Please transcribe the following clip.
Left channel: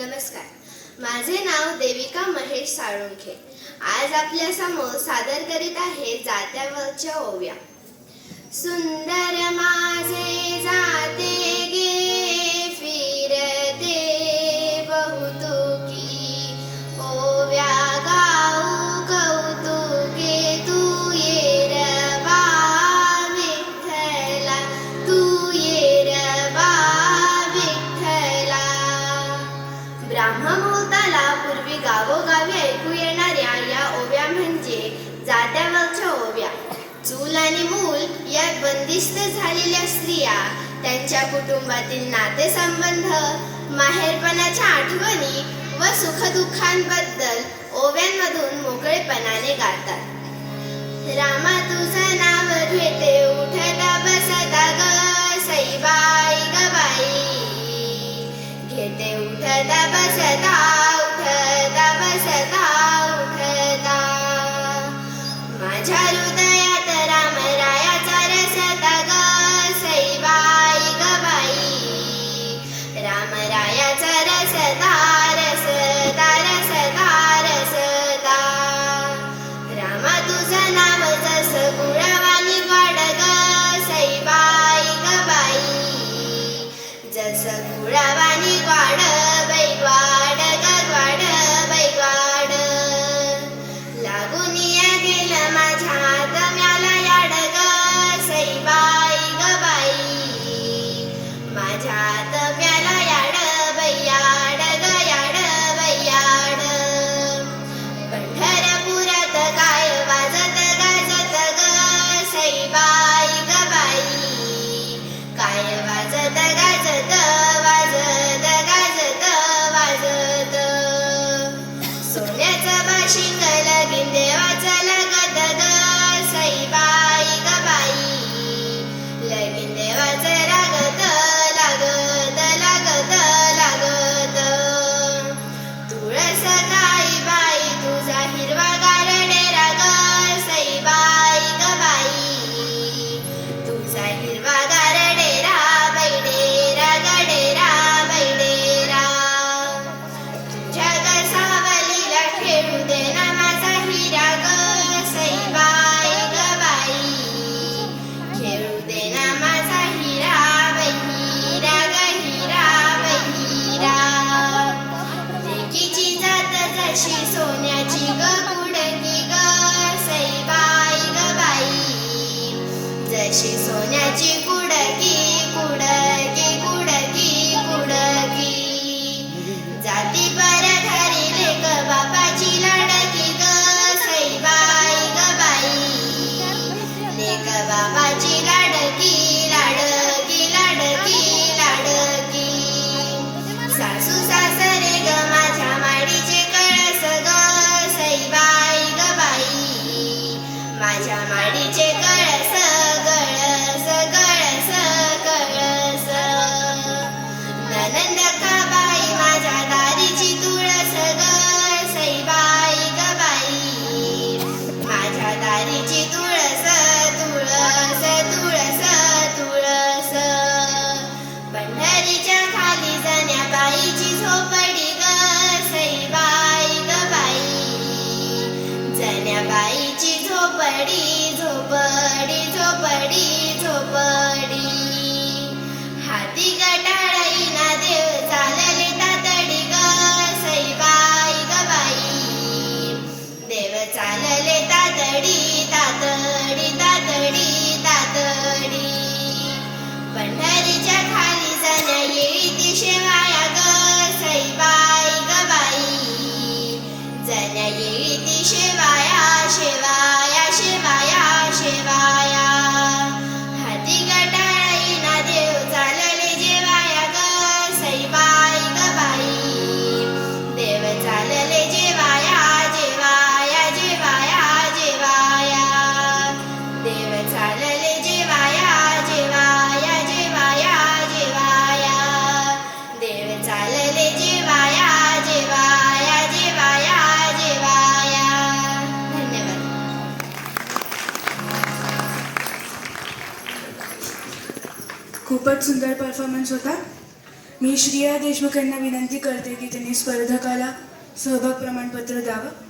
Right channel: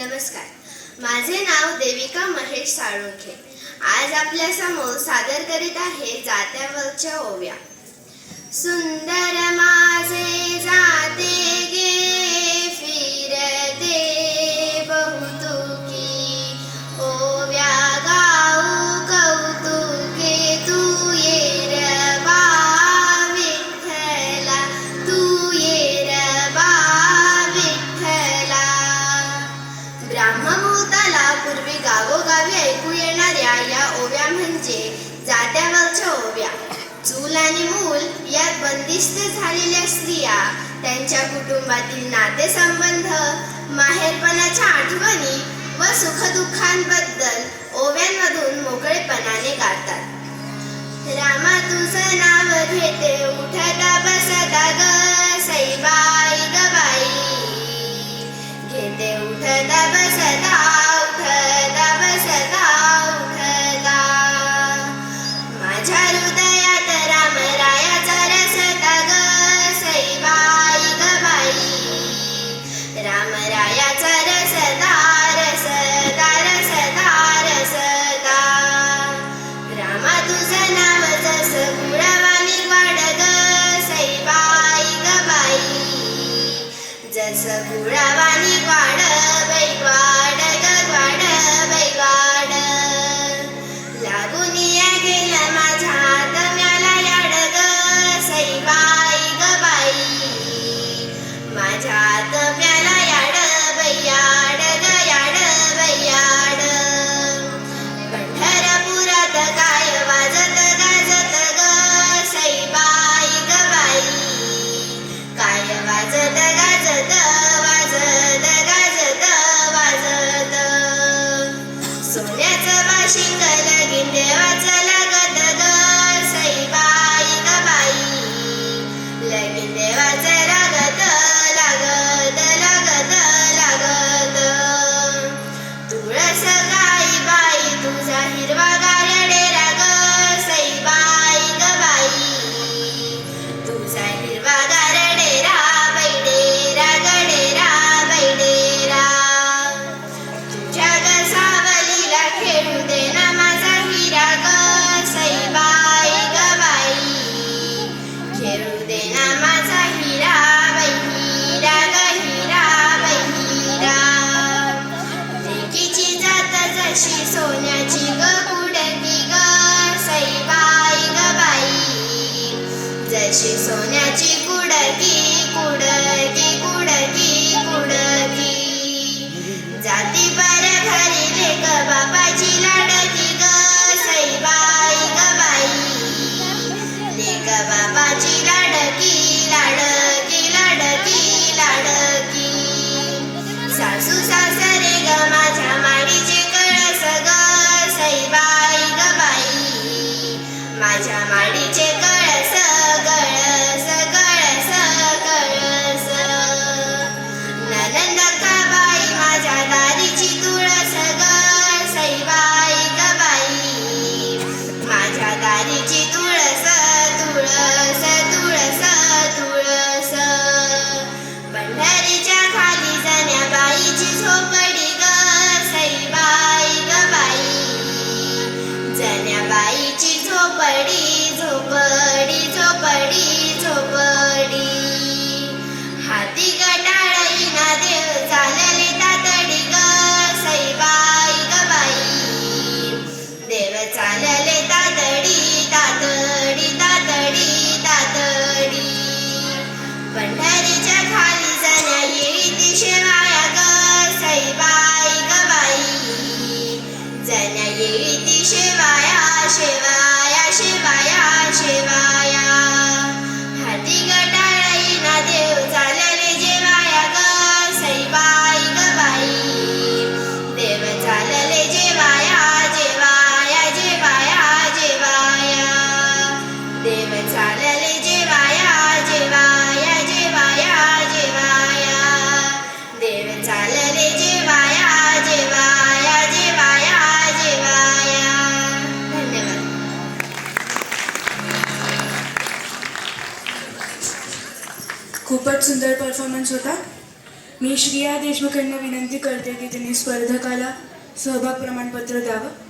नमस्कार. माझे नाव देविका महेश साळुंखे. आज आपल्यासमोर सादर करीत आहे जात्यावरच्या ओव्या. सुंदर माझे म्हणजे जात्यावरच्या ओव्या चूल आणि मूल या बंदिस्त झालेल्या स्त्रिया त्यांच्या कुटुंबातील नातेसंबंध माहेरपणाच्या आठवणी व सुखदुःखांबद्दल ओव्यांमधून मोकळेपणाने गातात. रामा तुझं नाव घेते machine gun. குடச்சி குடக்கி குட देवी शिवाया शिवाय खूपच सुंदर परफॉर्मन्स होता. मी श्रेया देशमुख यांना विनंती करते की त्यांनी स्पर्धकाला सहभाग प्रमाणपत्र द्यावं.